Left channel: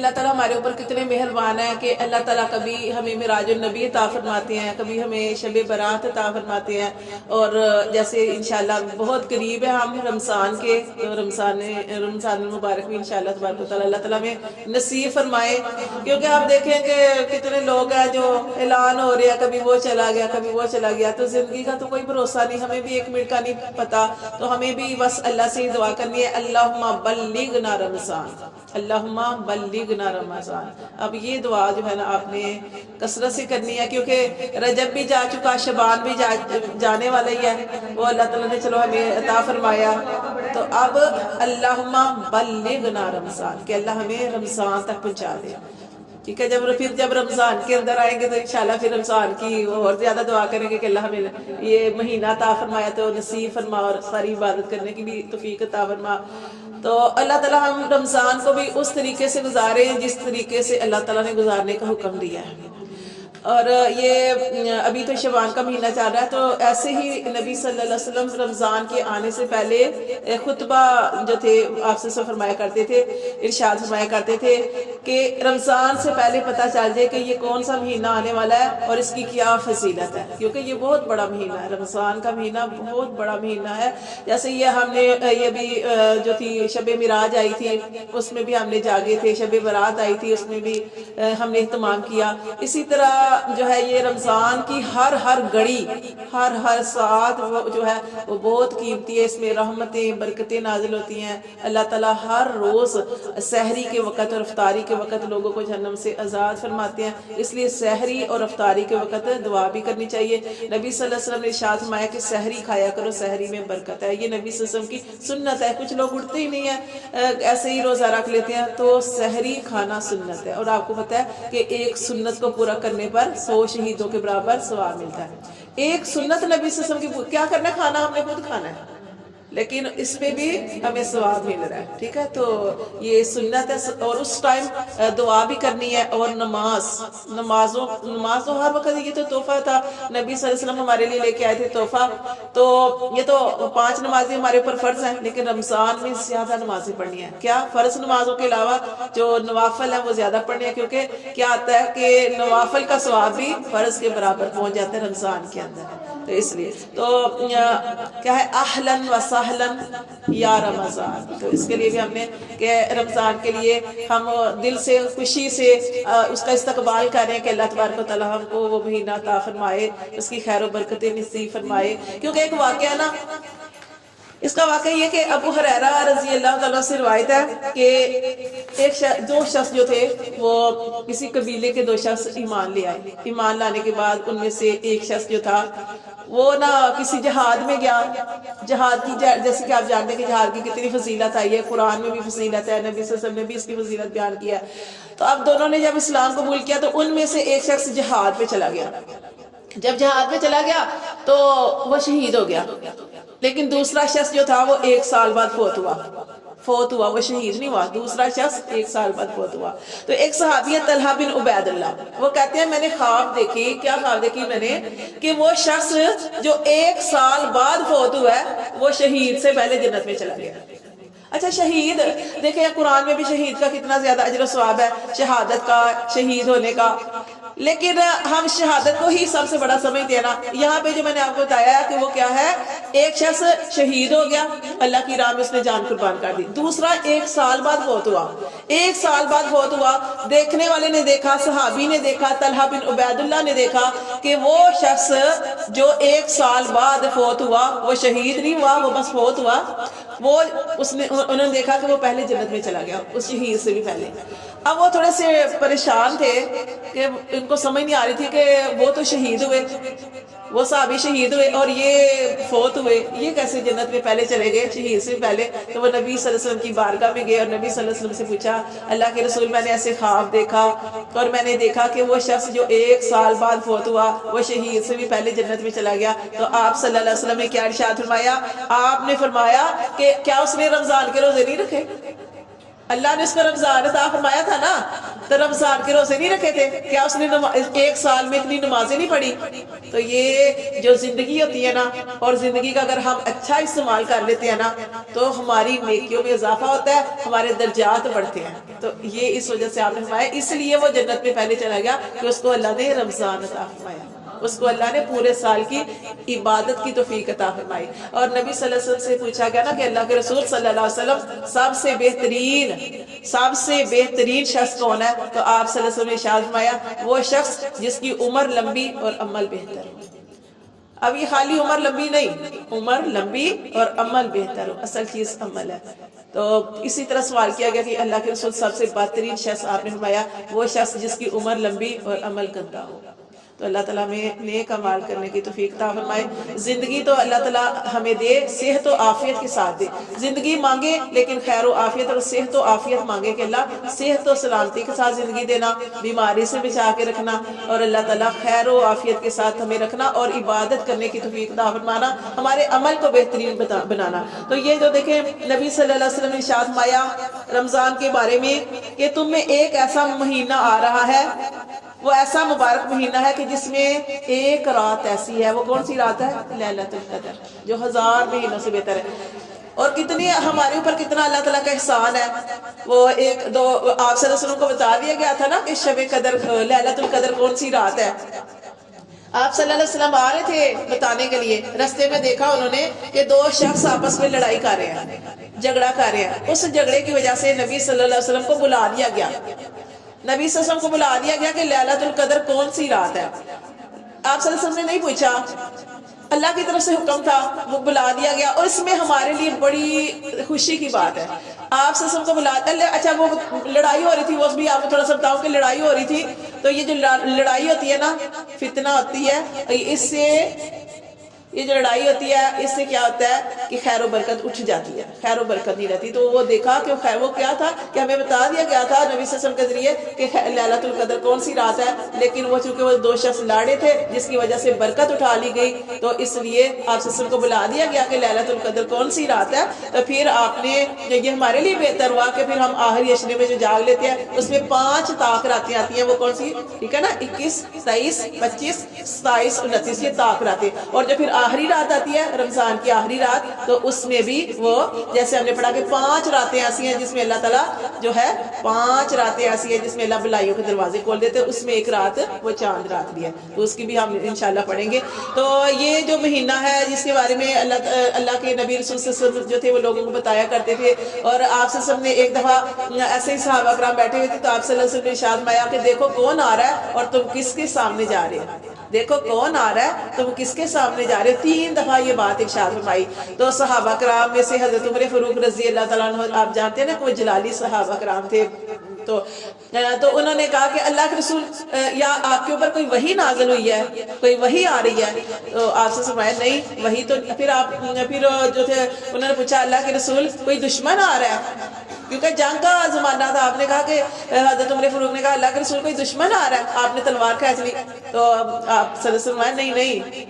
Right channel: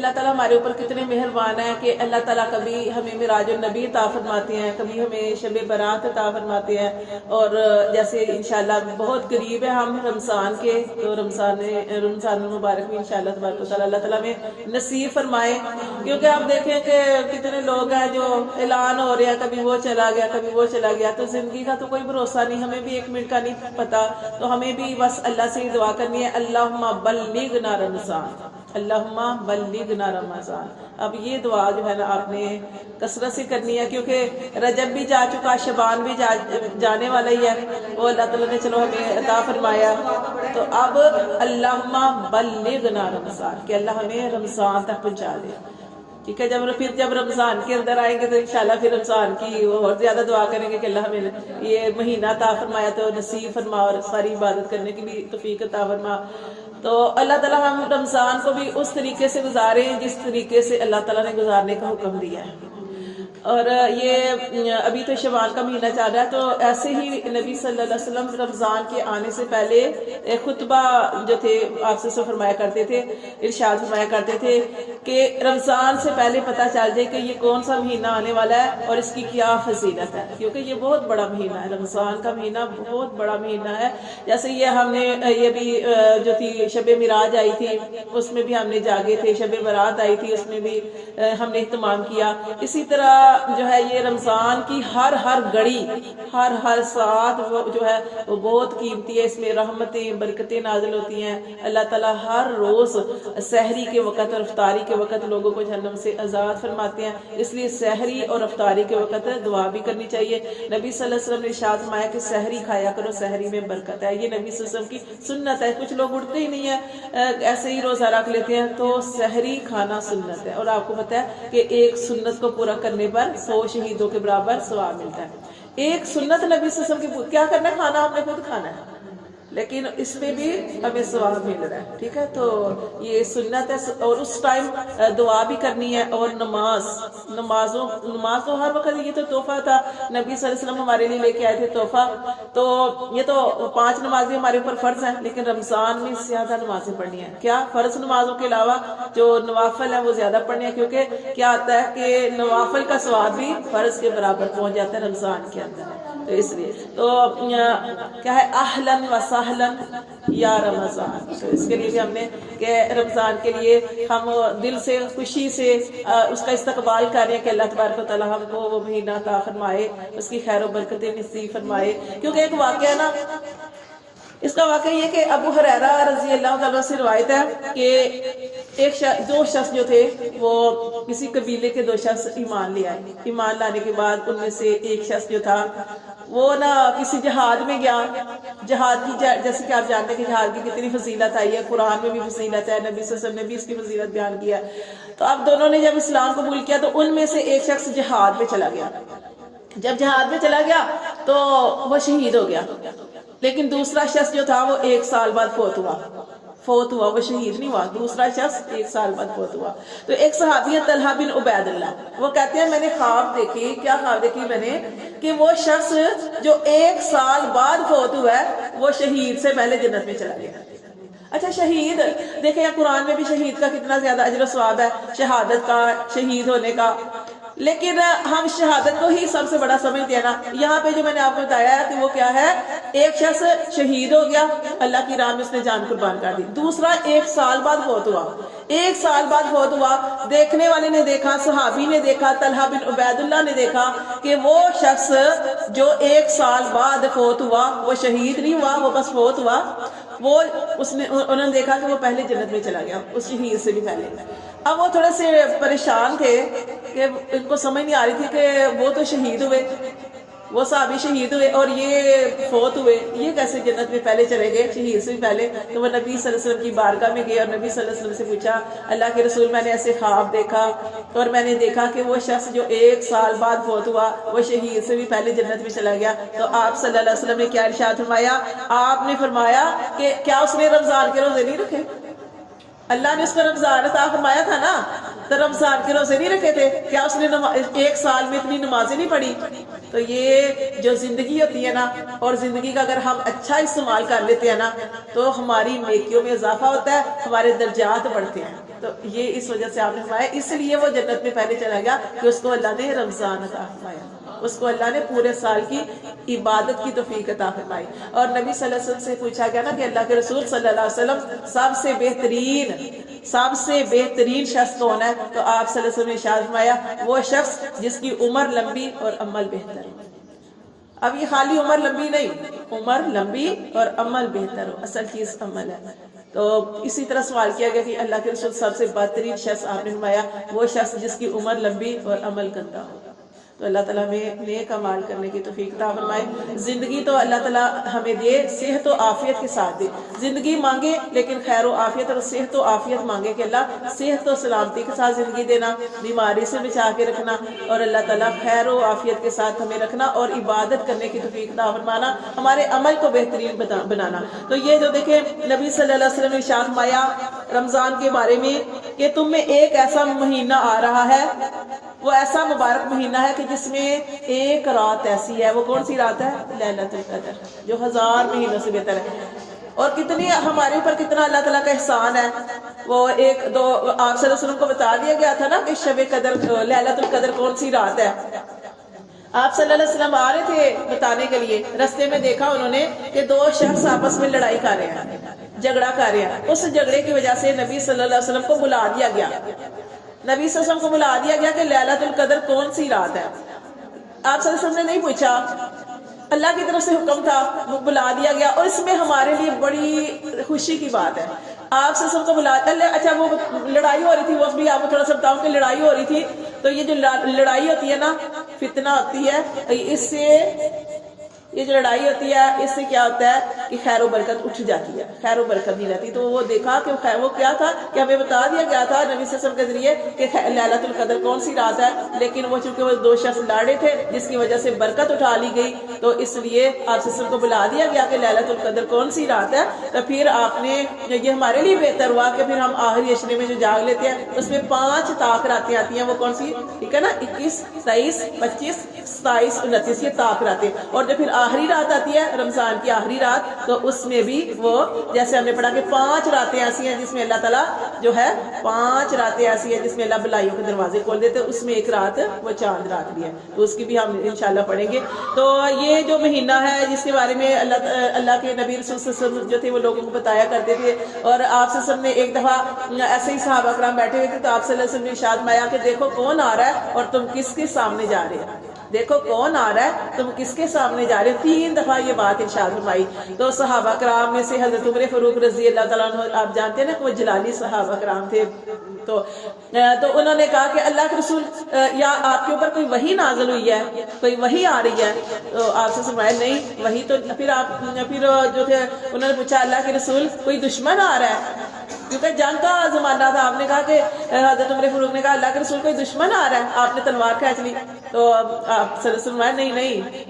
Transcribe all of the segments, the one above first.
اللہ تعالیٰ ہمارے اوپر کتنے مہربان ہیں کہ اللہ تعالیٰ کبھی ہمیں معراج النبی عطا فرماتے ہیں، کبھی ہمیں شب برات عطا فرماتے ہیں، اور جیسے انشاءاللہ بہت قریب ہے ہم رمضان کے، تو رمضان المبارک میں انشاءاللہ تبارک و تعالیٰ اللہ تعالیٰ میں نصیب فرمائے، کیونکہ آپ دیکھیں کہ کتنے لوگ ہیں جو اعلان ہو رہے ہیں کبھی وہ چلا گیا کبھی وہ چلا گیا، تو زندگی کا تو کوئی بھروسہ نہیں، ہمیں بھی ایک منٹ کا نہیں پتا، تو ہمیں بھی بس اللہ سے دعا کرنی ہے اللہم بلغنا رمضان، اللہم بلغنا رمضان۔ اب یہ دعا جو ہے نا آپ نے کثرت سے کرنی ہے، کیونکہ رجب بھی جا چکا، شعبان بھی جانے والا ہی ہے، وہ اللہ تعالیٰ نے چلو ہمیں عطا فرمایا، تو اب اللہم بلغنا رمضان کہ اللہ ہمیں رمضان تک پہنچا دے، ٹھیک ہے۔ جب رمضان کے اندر آئیں گے تو انشاءاللہ پھر رمضان کی اور زیادہ دعا کریں گے کہ اللہ ہمیں یہ مہینہ عطا فرمایا تو نصیب فرما، اور ساری عبادت کرنے کی بھی توفیق عطا فرما۔ تو اللہ تعالیٰ ہم رمضان کو بھی اس طریقے سے گزاریں جس طریقے سے اللہ تعالیٰ نے گزارنے کا حکم دیا ہے، اور یہ ابھی تو شعبان کا مہینہ چل رہا ہے، تو ایسے ہی نبی صلی اللہ علیہ وسلم رمضان کے آنے سے پہلے خطبہ جو تھے آپ سے فرمایا کرتے تھے، ارشاد فرمایا کرتے تھے کہ رمضان سے پہلے پتہ چل جائے کہ یہ کون سا مہینہ آنے والا ہے اور اس کی کیا فضیلت ہے، کیونکہ یہ بہت بڑا مہینہ ہے، رمضان کا مہینہ بہت بڑا مہینہ ہے۔ جیسے یہ ہم نے یہ بھی جو تھی شب معراج آئی تھی اس میں بھی ہم نے جاگے تھے، شب برات آئی تھی اس میں بھی ہم نے اہتمام کیا، اسی طرح جو ہے یہ رمضان کی ہر گھڑی ہر ساتھ جو ہے وہ بہت قیمتی ہے، اس میں رحمتیں برکتیں نازل ہوتی ہیں، اللہ تعالیٰ ہر روز سحری کے وقت اور افطاری کے وقت لوگوں کو جہنم سے آزاد فرماتے ہیں، اس لیے سحری اور افطاری کے وقت دعا بھی کرنی چاہیے۔ نبی صلی اللہ علیہ وسلم نے ارشاد فرمایا کہ سحری کھایا کرو، سحری میں برکت ہے، یہ نبی صلی اللہ علیہ وسلم کی سنت ہے۔ کچھ لوگ اٹھتے ہی نہیں ہیں، ایسے ہی روزہ رکھ لیتے ہیں، تو سحری کھانا سنت ہے، اور آپ کو پتہ ہے کہ ایک سنت کو پورا کرنے پر 100 شہیدوں کے برابر ثواب ملتا ہے۔ ایک سنت نبی صلی اللہ علیہ وسلم کی کیا کرنا ہے، کھانا ہم نے خود کھانا ہے، لیکن اس پہ بھی ہمیں ثواب مل رہا ہے، ٹھیک ہے۔ تو یہ سنت ہے، اور اس ٹائم دعا بھی کرنی ہے، اور نماز تو ہر وقت، یہ تو تحفہ تھا نبی صلی اللہ علیہ وسلم ہمارے لیے لے کے آئے تھے تحفہ، تو یہ تو 5 نمازیں ہمارے اوپر فرض ہیں، لیکن رمضان میں زیادہ نمازیں پڑھنی ہیں، کیا فرض نمازوں کے علاوہ جو نوافل ہیں وہ زیادہ پڑھنی ہیں، کیونکہ کیا آتا ہے کہ نوافل کا ثواب بھی فرض کے برابر پہنچ جاتا ہے رمضان کے اندر، تو اس لیے تو کیا ہے اہلاً و سہلاً یا رمضان، تو اس کے لیے بھی ہم نے کہ رمضان کے لیے ہم دل سے خوشی سے اس کا استقبال کر رہے ہیں کہ اللہ تبارک و تعالیٰ ہم کو وہ مہینہ عطا فرمائے، اس کی خیر و برکتیں نصیب فرمائے۔ کیونکہ ایک واقعہ نا، اس کا واقعہ یہ کہ ابو ہریرہ رضی اللہ تعالیٰ سے روایت ہے کہ دو شخص جو تھے وہ کسی قبیلے کے 2 شخص ایمان لے آئے، ایمان لانے کے بعد ان میں سے ایک شخص جو تھا وہ نا کسی جہاد میں گیا، جہاد کی جیسے کہ آپ جانتے ہیں کہ جہاد کی کتنی فضیلت آئی ہے، قرآن میں بھی فضیلت ہے، نبی صلی اللہ علیہ وسلم نے بھی اس کی فضیلت بیان کیا، تو اب دونوں نے جب اسلام قبول کیا تو ان میں سے ایک شخص جہاد پہ چلا گیا، جب جہاد پہ چلا گیا تو وہ شہید ہو گیا، لیکن دوسرا شخص جو تھا وہ 1 سال بعد فوت ہوا، وہ شہید نہیں ہوا، دوسرا شخص 1 سال بعد فوت ہوا۔ تو ایک صحابی ہے طلحہ بن عبید اللہ، وہ کہتے ہیں میں نے خواب دیکھی، کیا خواب دیکھی میں نے، کہ وہ شخص جو 1 سال بعد فوت ہوا ہے وہ شہید سے پہلے جنت میں چلا گیا۔ اچھا شہید دیکھیں قرآن میں بھی شہید کا کتنا زیادہ اجر و ثواب ہے، شہادت کا، شہید ہونے کا، لیکن ہم شہادت کو ہی سب سے بڑا سمجھتے ہیں نا۔ یہاں پہ جو میں نے آپ کو بتایا ہے کہ وہ کیا ہے، ایک شخص شہید ہو گیا، اللہ کی راہ میں اس نے جان قربان کر دی، دوسرا 1 سال بعد فوت ہوا، 1 سال بعد فوت ہوا، دیکھنے والے نے دیکھا، صحابی نے دیکھا، طلحہ بن عبید اللہ نے دیکھا کہ وہ شخص جو 1 سال بعد فوت ہوا وہ شہید نہیں ہوا، وہ بس فوت ہوا، انہوں نے دیکھا کہ وہ پہلے جنت میں چلا گیا، اس شہید سے بھی پہلے۔ اب وہ تھوڑے سے پریشان تھے کہ ان کو سمجھ نہیں آ رہی تھی کہ وہ تو شہید ہوئے، وہ صحابی شہید ہوئے اور یہ فوت ہوئے، یہ کیسے جنت میں پہلے چلے گئے شہید سے پہلے۔ تو وہ نبی صلی اللہ علیہ وسلم کی بارگاہ میں گئے اور نبی صلی اللہ علیہ وسلم سے پوچھا اللہ کے رسول میں نے ایسے خواب دیکھا اور میں نے دیکھا کہ وہ شخص جو 1 سال بعد فوت ہوا وہ شہید سے بھی پہلے جنت میں چلا گیا۔ تو آپ صلی اللہ علیہ وسلم نے کیا ارشاد فرمایا، آپ نے فرمایا کہ کیا اس نے رمضان کے روزے نہیں رکھے؟ اللہ نے اس کو رمضان عطا فرمایا تھا نا، تو رمضان کے روزے نہیں رکھے تھے؟ کیا اس نے ایک سال میں اتنی نمازیں نہیں پڑھی؟ تو یہ جو زندگی ہوتی ہے نا، اور زندگی کا اگر ہم اچھا استعمال کر لیتے ہیں نا تو ہماری نیکیوں میں اضافہ ہوتا ہے، ہمارے درجات بڑھتے ہیں۔ تو یہ اس وجہ سے آپ نے فرمایا، اس لیے وہ جنت میں پہلے چلا گیا کہ اس کو اللہ نے رمضان عطا فرمایا، اس کو اللہ نے پورے سال کی عبادت کی توفیق عطا فرمائی۔ اور نبی صلی اللہ علیہ وسلم سے پوچھا گیا نا کہ اللہ کے رسول صلی اللہ علیہ وسلم سب سے بہترین شخص کون ہے؟ تو آپ صلی اللہ علیہ وسلم نے ارشاد فرمایا، وہ شخص جس کی عمر لمبی اور عمل بہتر ہو۔ اب یہ خالی عمر لمبی نہیں، عمر لمبی اور عمل بہتر ہو، اصل چیز عمل ہے۔ تو اسی طرح سوال کیا گیا کہ اللہ کے رسول سب سے بہترین شخص آپ نے فرمایا وہ شخص جس کی عمر لمبی اور عمل گندا ہو۔ تو اللہ تعالیٰ ہمیں نیک اعمال کرنے کی توفیق عطا فرمائے۔ زندگی تو اللہ تعالیٰ ہمیں دے، صحت و عافیت کے ساتھ دے۔ زندگی مانگے لیکن خیر و عافیت اور صحت و عافیت مانگے کہ اللہ صحت و سلامتی کے ساتھ زندگی دینا، بیماری سے بچا کے رکھنا، اور اللہ تعالیٰ خیر و عافیت کے ساتھ ہمیں رکھنا اور عبادت کرنے کی توفیق عطا فرمانا، ہمارے عمل کو بہترین بنانا۔ تو یہ جو دیکھیں نبی صلی اللہ علیہ وسلم نے ارشاد فرمایا رمضان کے بارے میں کہ تم میں ایک ایسا مہینہ آ رہا ہے، وہ ایسا مبارک مہینہ ہے کہ جس میں ایک رات ایسی ہے، وہ کون سی رات ہے؟ لیلۃ القدر، جو 1000 مہینوں سے بہتر ہے۔ اور کتنے ہمارے اوپر کتنا اللہ تعالیٰ کا احسان ہے۔ وہ ایک دو آپ صلی اللہ علیہ وسلم کو بتا دیا گیا تھا نا کہ شب قدر لیلۃ القدر کون سی رات ہے۔ آپ صلی اللہ علیہ وسلم آ رہے تھے بتانے کے لیے، رستے میں دیکھا انہوں نے کہ دو شخص آپس میں لڑائی کر رہے ہیں، جھگڑا کر رہے ہیں۔ اس جھگڑے کی وجہ سے نبی صلی اللہ علیہ وسلم کو بلا دیا گیا، نبی صلی اللہ علیہ وسلم کو بلا دیا گیا کہ لیلۃ القدر کون سی رات ہے۔ آپ صلی اللہ علیہ وسلم نے نہیں پوچھا، اللہ کی طرف سے حکم تھا، وہ بلا دیا گیا۔ اور اس میں ہمارے لیے بڑی خوشی کی بات ہے، آپ صلی اللہ علیہ وسلم کو بلا دیا۔ اچھا وہ لڑائی ہو رہی تھی، وہ بھی آپ کو تھوڑا سا بتاؤں کہ لڑائی ہو رہی تھی۔ تو یہ جو لڑائی ہوتی ہے نا، فتنہ ہوتی ہے، اس سے یہ جو لڑائی ہوتی ہے اس سے کیا ہوتا ہے کہ خیر و برکت اٹھ جاتی ہے، خیر و برکت نہیں رہتی۔ تو وہ دیکھا کہ وہ کیا تھا کہ ہمیں بتا دیا گیا تھا نبی صلی اللہ علیہ وسلم کے ذریعے کہ لیلۃ القدر کون سی رات ہے، لیکن وہ چونکہ وہ دو شخص لڑے تھے جس کی وجہ سے برکت اٹھا لی گئی، تو اس لیے آپ صلی اللہ علیہ وسلم کو بلا دیا گیا کہ لیلۃ القدر کون سی رات ہے۔ تو پھر آپ نے یہ ہمارے لیے بہتر ہوا کہ پھر ہم آخری عشرے میں جو جاگ لیتے ہیں اس میں 5 طاق راتیں آتی ہیں، وہ کون سی؟ ٹھیک ہے نا، 21، 23، 25، 27، 29 یہ طاق راتیں۔ اور جو پھر آخری رات آتی ہے رمضان کی آخری رات، تو اس میں بھی وہ جیسے ہم نے پڑھا کہ 5 راتیں ایسی ہیں جس میں اللہ تعالیٰ جو ہے 5 راتیں ایسی ہیں جس میں اللہ بلائیوں کے دروازے کھول دیتے، اس میں ایک رات وہ چاند رات بھی ہے، تو اس کی بھی ہم انشاءاللہ پڑھیں گے۔ تو یہ جو مہینہ ہے جس کے بارے میں اللہ کے نبی رسول صلی اللہ علیہ وسلم جو تھے وہ لوگوں کو بتایا کرتے تھے، اور آپ صلی اللہ علیہ وسلم نے ایک دفعہ ایسے ہی صحابہ کرام بیٹھے ہوئے تھے تو آپ صلی اللہ علیہ وسلم نے ارشاد فرمایا کہ دیکھو کون آ رہا ہے اور تم کس کے سامنے جا رہے ہو، دیکھو کون آ رہا ہے تم کس کے سامنے جا رہے ہو۔ 3 دفعہ یہ بات ارشاد فرمائی۔ تو صحابہ کرام میں سے حضرت عمر فاروق رضی اللہ تعالیٰ عنہ، آپ جانتے ہیں نا کہ وہ جلالی صحابہ کرام تھے، تو انہوں نے کہا کہ اللہ کے رسول یا آپ کے اوپر کوئی وحی نازل ہوئی ہے، کوئی وحی آ رہی ہے؟ تو آپ سے فرمایا نہیں وحی تو پھر جو تھے انہوں نے پوچھا اللہ کے رسول کوئی دشمن آ رہا ہے؟ کیونکہ جنگ کا زمانہ تھا۔ آپ نے کہا کہ حضرت عمر فاروق نے کہا اللہ کے رسول کوئی دشمن آ رہا ہے، آپ نے تلوار کھینچ لی۔ تو آپ صلی اللہ علیہ وسلم نہیں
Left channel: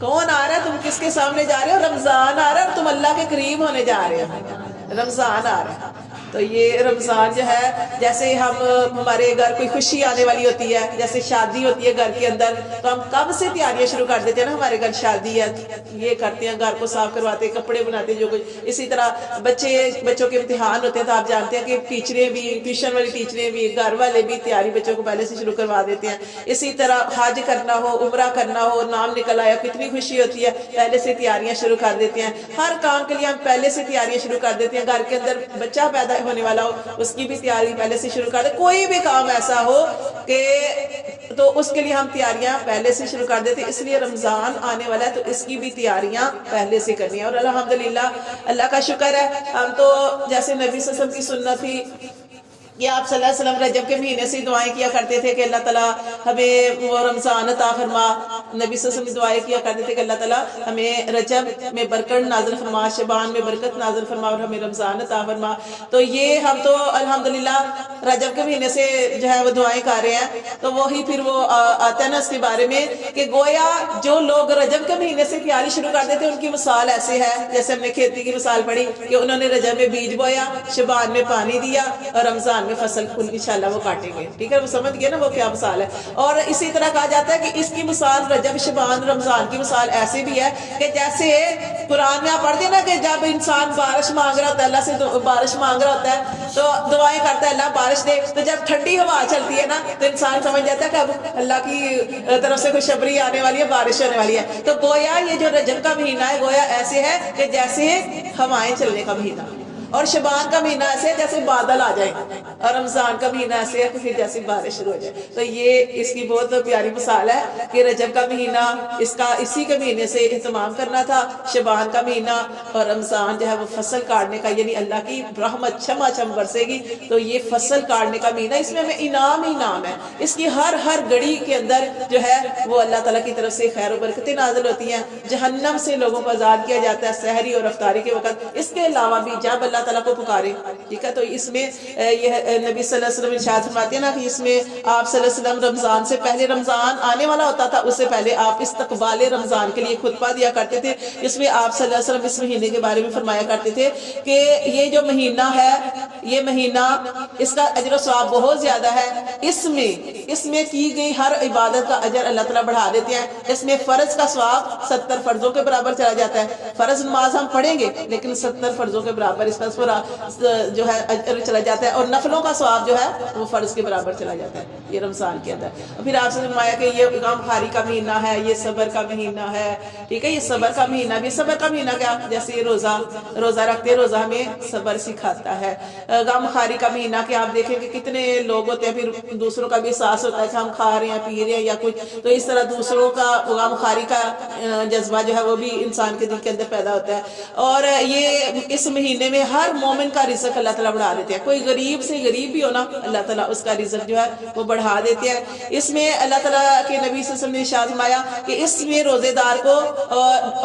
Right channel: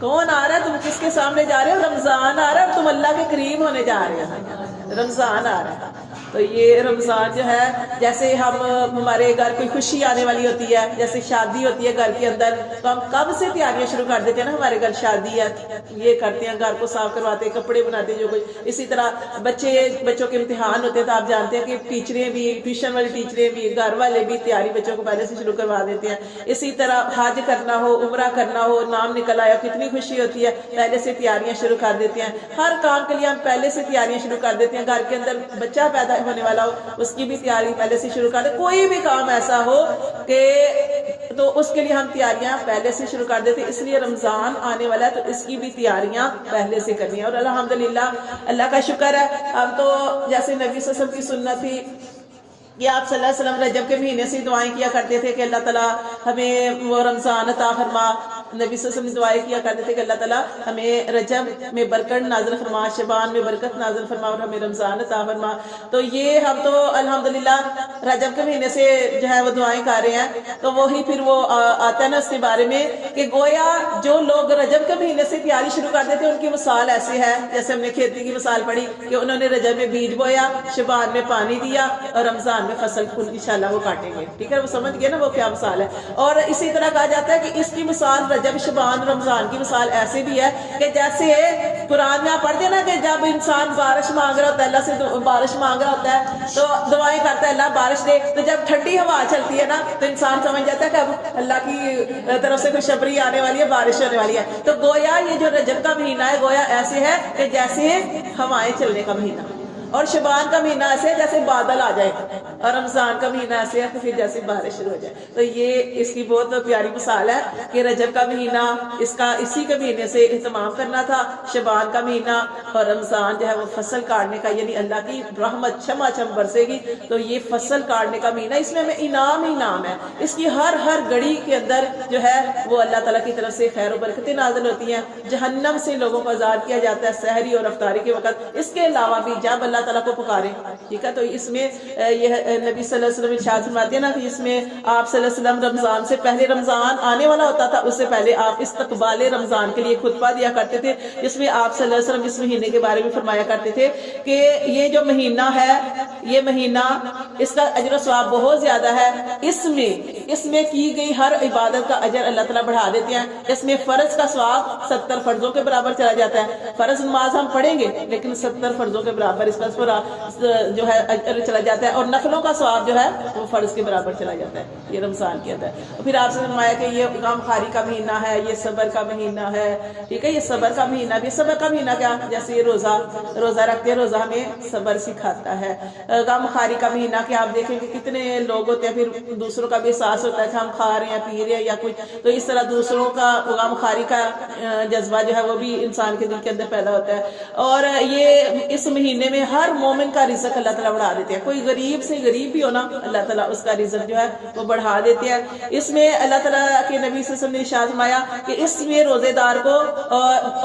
کون آ رہا ہے، تم کس کے سامنے جا رہے ہو؟ رمضان آ رہا ہے اور تم اللہ کے قریب ہونے جا رہے ہو، رمضان آ رہا ہے۔ تو یہ رمضان جو ہے جیسے ہمارے گھر کوئی خوشی آنے والی ہوتی ہے، جیسے شادی ہوتی ہے گھر کے اندر، تو ہم کب سے تیاریاں شروع کر دیتے ہیں نا، ہمارے گھر شادی ہے یہ کرتے ہیں، گھر کو صاف کرواتے ہیں، کپڑے بناتے ہیں، جو کچھ اسی طرح بچوں کے امتحان ہوتے ہیں تو آپ جانتے ہیں کہ ٹیچریں بھی، ٹیوشن والی ٹیچریں بھی، گھر والے بھی تیاری بچوں کو پہلے سے شروع کروا دیتے ہیں۔ اسی طرح حج کرنا ہو، عمرہ کرنا ہو، نام نکل آیا، کتنی خوشی ہوتی ہے، پہلے سے تیاریاں شروع کر دیتے ہیں۔ ہر کام کے لیے ہم پہلے سے تیاریاں شروع کر دیتے ہیں، گھر کے اندر بچہ پیدا ہونے والا ہو اس کی بھی تیاری پہلے سے شروع کر دے، کوئی بھی کام ایسا ہو کہ تو اس کے لیے ہم تیاریاں پہلے سے شروع کر دیتے ہیں۔ اس لیے رمضان آنے والا ہے تو اس کی بھی تیاریاں پہلے سے کرنی ہیں، اور الحمدللہ اللہ کا شکر ہے ہم تو جیسے نبی صلی اللہ علیہ وسلم کی سنت تھی کہ آپ صلی اللہ علیہ وسلم رجب کے مہینے سے دعائیں کیا کرتے تھے کہ اللہ تعالیٰ ہمیں وہ رمضان عطا فرما، نبی صلی اللہ علیہ وسلم دعائیں کیا کرتے تھے کہ اللہ تعالیٰ ہمیں رجب میں برکت نازل فرما، شعبان میں برکت نازل فرما اور ہمیں رمضان عطا فرما۔ تو یہ ہم تو الحمدللہ رجب کے مہینے سے جو ہے وہ دعائیں کر رہے ہیں، تو وہی پھر وہ آتا ہے نا اس کے بارے میں کہ گویا جو لوگ رجب کے مہینے سے تیاری شروع کر دیتے ہیں ان کی مثال ایسے ہے، جیسے ہم نے کھیتی کی مثال پڑھی کہ انہوں نے رجب میں بیج بویا، شعبان میں پانی دیا اور رمضان میں فصل انشاءاللہ وہ کاٹیں گے، ٹھیک ہے، وہ سمجھ گئے نا وہ کیا مثال ہے۔ اور اسی طرح کہا جاتا ہے کہ اس کی مثال رجب شعبان رمضان کی مثال ایسے بھی ہے کہ جیسے قرآن میں آپ پڑھتے ہیں نا کہ جب انسان بارش مانگ رہا ہوتا ہے، اللہ سے بارش مانگ رہا ہوتا ہے تو دعائیں کرتا ہے اللہ بارش دے، تو جب ٹھنڈی ہوا چلتی ہے نا تو انسان سمجھ جاتا ہے کہ اب اللہ کی طرف سے خوشخبری آنے والی ہے، بارش ہونے والی ہے۔ تو گویا یہ جو رجب کا مہینہ ہے گویا ایسے ہے کہ جیسے ہوائیں چلنے کا مہینہ، اور شعبان کا مہینہ ایسے ہے جیسے بادل آ جائے، اور رمضان کا مہینہ ایسے ہے کہ پھر جیسے بارش شروع ہو جائے۔ تو یہ اس کی بہت پیاری مثال ہے کہ رجب کا مہینہ اس کا اسی کے مہینے سے اہتمام کرنا تھا، شعبان کا مہینہ اور رمضان جو ہے وہ فصل کاٹنے کا، یعنی اللہ کی رحمت چھما چھم برسے گی تو یہ فصل کاٹنے کا مہینہ، اس میں ہمیں انعام ہی انعام ہے، اس کی ہر گھڑی کے اندر جو ہے وہ اللہ تعالیٰ کی طرف سے خیر و برکتیں نازل ہوتی ہیں، جہنم سے لوگوں کو آزاد کیا جاتا ہے سحری اور افطاری کے وقت۔ اس کے علاوہ بھی جب اللہ تعالیٰ کو پکارے، ٹھیک ہے، تو اس میں یہ نبی صلی اللہ علیہ وسلم ارشاد فرماتے ہیں نا کہ اس میں آپ صلی اللہ علیہ وسلم رمضان سے پہلے، رمضان آنے والا ہوتا تھا اس سے پہلے آپ استقبال رمضان کے لیے خطبہ دیا کرتے تھے، جس میں آپ صلی اللہ علیہ وسلم اس مہینے کے بارے میں فرمایا کرتے تھے کہ یہ جو مہینہ ہے، یہ مہینہ اس کا اجر و ثواب بہت زیادہ ہے، اس میں کی گئی ہر عبادت کا اجر اللہ تعالیٰ بڑھا دیتے ہیں۔ اس میں فرض کا ثواب 70 فرضوں کے برابر چلا جاتا ہے، فرض نماز ہم پڑھیں گے لیکن 70 فرضوں کے برابر اس کا جو ہے اجر چلا جاتا ہے، اور نفلوں کا ثواب جو ہے وہ فرض کے برابر چلا جاتا ہے، یہ رمضان کے اندر۔ اور پھر آپ سے فرمایا کہ یہ غم خواری کا مہینہ ہے، یہ صبر کا مہینہ ہے، ٹھیک ہے، یہ صبر کا مہینہ بھی، صبر کا مہینہ کیا، جیسے یہ روزہ رکھتے ہیں، روزہ ہمیں صبر سکھاتا ہے۔ غم خواری کا مہینہ کہ آپ دیکھیں کہ کتنے لوگ ہوتے ہیں، پھر دوسروں کا بھی احساس ہوتا ہے کہ ہم کھا رہے ہیں پی رہے ہیں یا کچھ، تو اس طرح دوسروں کا غم خواری کا جذبہ جو ہے وہ بھی انسان کے دل کے اندر پیدا ہوتا ہے۔ اور یہ اس مہینے میں ہر مومن کا رزق اللہ تعالیٰ بڑھا دیتے ہیں، کوئی غریب سے غریب بھی ہونا اللہ تعالیٰ اس کا رزق جو ہے وہ بڑھا دیتے ہیں۔ اس میں اللہ تعالیٰ کے نبی صلی اللہ علیہ وسلم نے ارشاد فرمایا کہ اس میں روزے دار کو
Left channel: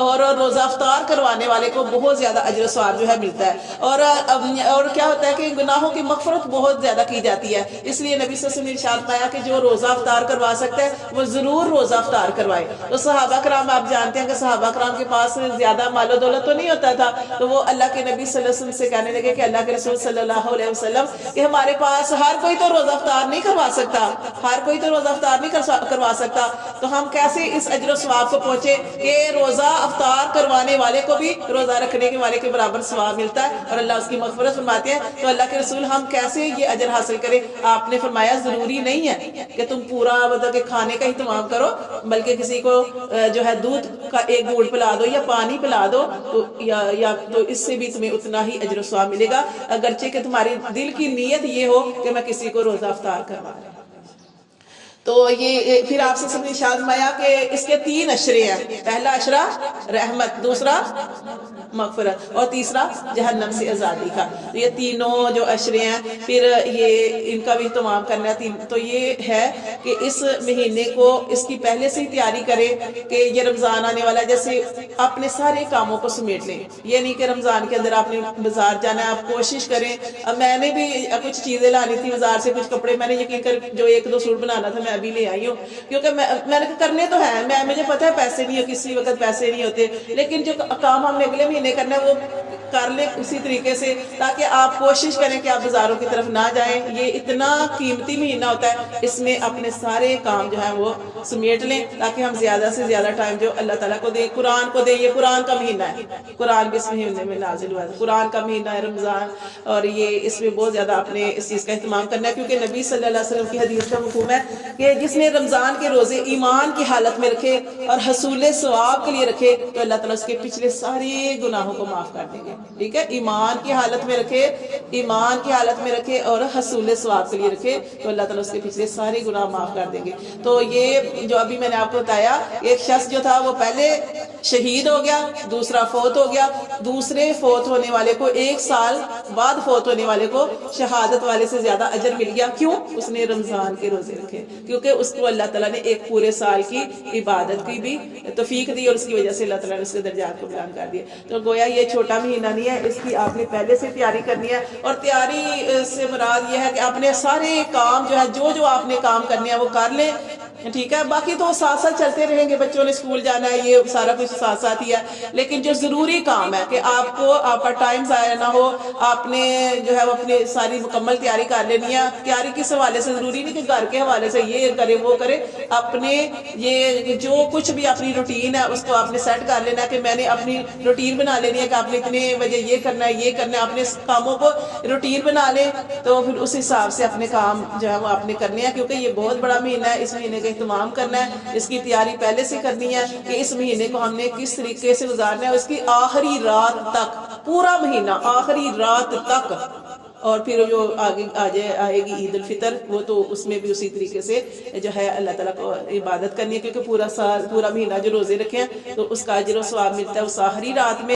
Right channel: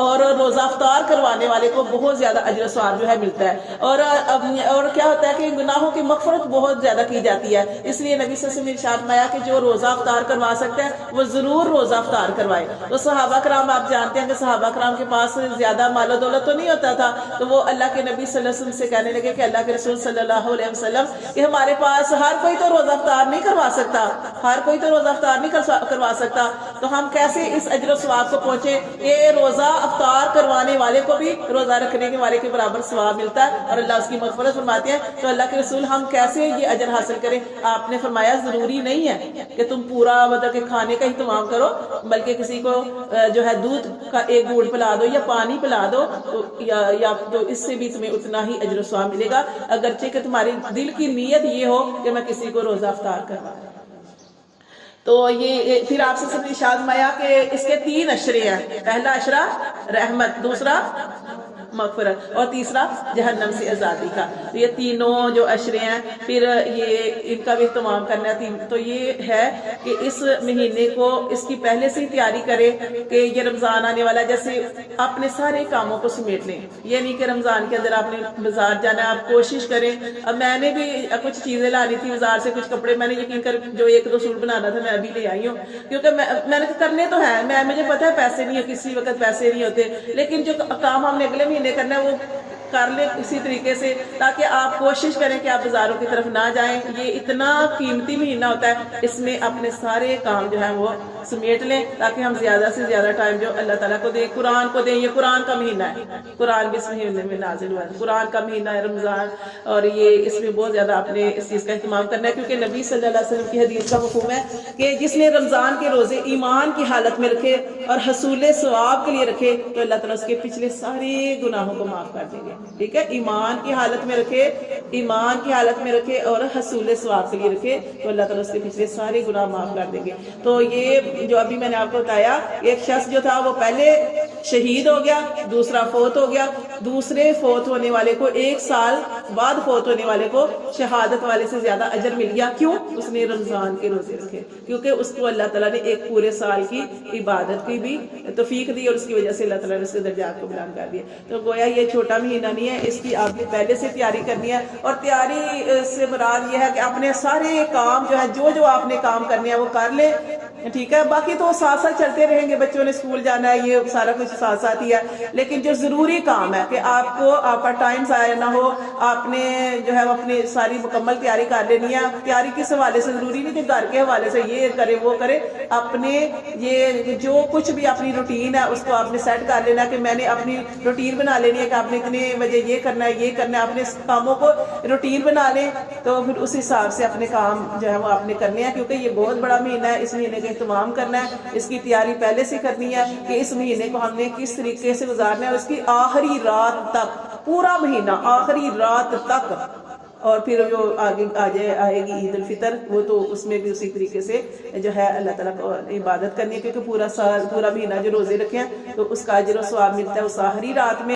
اور روزہ افطار کروانے والے کو بہت زیادہ اجر و ثواب جو ہے ملتا ہے، اور کیا ہوتا ہے کہ گناہوں کی مغفرت بہت زیادہ کی جاتی ہے۔ اس لیے نبی صلی اللہ علیہ وسلم نے ارشاد فرمایا کہ جو روزہ افطار کروا سکتا ہے وہ ضرور روزہ افطار کروائے۔ تو صحابہ کرام آپ جانتے ہیں کہ صحابہ کرام کے پاس زیادہ مال و دولت تو نہیں ہوتا تھا، تو وہ اللہ کے نبی صلی اللہ علیہ وسلم سے کہنے لگے کہ اللہ کے رسول صلی اللہ علیہ وسلم کہ ہمارے پاس ہر کوئی تو روزہ افطار نہیں کروا سکتا، ہر کوئی تو روزہ افطار نہیں کروا سکتا، تو ہم کیسے اس اجر و ثواب کو پہنچے کہ روزہ افطار کروانے والے کو بھی روزہ رکھنے کے والے کے برابر ثواب ملتا ہے اور اللہ اس کی مغفرت فرماتے ہیں۔ تو اللہ کے رسول ہم کیسے یہ اجر حاصل کریں؟ آپ نے فرمایا ضروری نہیں ہے کہ تم پورا مطلب کہ کھانے کا اہتمام کرو، بلکہ کسی کو جو ہے دودھ کا ایک گھونٹ پلا دو یا پانی پلا دو، یا تو اس سے بھی تمہیں اتنا ہی اجر و ثواب ملے گا، اگرچہ کہ تمہاری دل کی نیت یہ ہو کہ میں کسی کو روزہ افطار کروں۔ تو یہ پھر آپ سے سب ارشاد فرمایا کہ اس کے 3 اشرے ہیں، پہلا اشرہ رحمت، دوسرا مغفرت، اور تیسرا جہنم سے آزادی کا۔ تو یہ تینوں جو اشرے ہیں پھر یہ ان کا بھی اہتمام کرنا ہے۔ تو یہ ہے کہ اس مہینے کو اس کی پہلے سے ہی تیاری کرے کہ یہ رمضان آنے والا، جیسے اپنے سارے کاموں کو سمیٹ لیں، یہ نہیں کہ رمضان کے اندر آپ نے بازار جانا ہے، آپ کوشش کریں۔ اب میں نے بھی کچھ چیزیں لانی تھی بازار سے، کچھ کپڑے میں نے یقین کر جو 1-2 سوٹ بنانا تھا میں ابھی لے آئی ہوں، کیونکہ میں نے کرنے تو ہے، مجھے پتہ ہے پیسے نہیں ہو، کسی وقت پیسے نہیں ہوتے، لیکن جو کام ہم نے اگلے مہینے کرنا ہے وہ کر لیں اسی طریقے سے، تاکہ آپ کوشش کریں کہ آپ بازاروں کی طرف نہ جائیں۔ یہ اتنا قیمتی مہینہ ہوتا ہے، اس میں اپنے سارے کام جو ہیں وہ سمیٹ لیں تاکہ ہم زیادہ سے زیادہ ٹائم جو اللہ تعالیٰ کو دیں، قرآن کو دیں۔ یہ قرآن کا مہینہ ہے، قرآن بھی اس مہینے میں نازل ہوا ہے، قرآن کا مہینہ ہے رمضان، اور یہ اس میں بہت زیادہ آپ نے اس چیز کا اہتمام کرنا ہے، کیونکہ نبی صلی اللہ علیہ وسلم کی حدیث کا مفہوم ہے کہ جس نے رمضان کے روزے ایمان کی حالت میں رکھے اور حصول ثواب کے لیے رکھے تو اللہ تعالیٰ اس کے پچھلے سارے گناہوں کو معاف کر دیں گے۔ ٹھیک ہے, ایمان کی حالت میں رکھے, ایمان کی حالت میں رکھے اور حصول ثواب کے لیے رکھے, تو اللہ تعالیٰ اس کے پچھلے سارے گناہ معاف کر دیں گے. تو یہ جو ابھی میں نے آپ کو بتایا, ایک شخص جو تھا وہ پہلے شہید ہو گیا, دوسرا فوت ہو گیا, دوسرے فوت ہونے والے کو 1 سال بعد فوت ہونے والے کو شہادت والے سے زیادہ اجر مل گیا. کیوں؟ اس نے رمضان کے روزے رکھے, کیونکہ اس کو اللہ تعالیٰ نے ایک پورے سال کی عبادت کی بھی توفیق دی, اور اس کی وجہ سے اللہ تعالیٰ نے اس کے درجات کو بلند کر دیا. تو گویا یہ چھوٹا مہینہ نہیں ہے, اس کی آپ نے پہلے سے تیاری کرنی ہے. اور تیاری سے مراد یہ ہے کہ اپنے سارے کام جو ہے, جو آپ نے کام کرنے ہیں وہ کر لیں, ٹھیک ہے. باقی تو ساتھ ساتھ چلتے رہیں گے, بچوں نے اسکول جانا ہے, یہ سارا کچھ ساتھ ساتھ ہی ہے. لیکن جو ضروری کام ہے کہ آپ کو آپ کا ٹائم ضائع نہ ہو, آپ نے جو ہے وہ اپنی ساری مکمل تیاری کر لینی ہے. تیاری کس حوالے سے ضروری نہیں کہ گھر کے حوالے سے یہ کرے وہ کرے, اپنے یہ جو کچھ بھی اپنی روٹین ہے اس کو آپ نے سیٹ کر لینا کہ میں نے اپنی روٹین بنا لینی ہے کہ آپ نے اتنے بجے یہ کرنا ہے, یہ کرنا ہے. اپنے کاموں کو روٹین بنا لیں, تو پھر اس حساب سے اپنے کام جو ہے وہ آپ نے کرنے ہیں, کیونکہ یہ بہت بڑا مہینہ ہے. اس مہینے کا اہتمام کرنا ہے, اس کی تیاری پہلے سے کرنی ہے کہ اس مہینے کو ہم نے کس طریقے سے گزارنا ہے, اس کی آخری رات تک, پورا مہینہ آخری رات تک. اور پھر جو آگے آئے گی عید الفطر, وہ تو اس میں بھی اسی طریقے سے جو ہے اللہ تعالیٰ کو عبادت کرنی ہے, کیونکہ پورا سال پورا مہینہ جو روزے رکھے ہیں تو اس کا اجر و ثواب ملتا ہے اس آخری رات میں.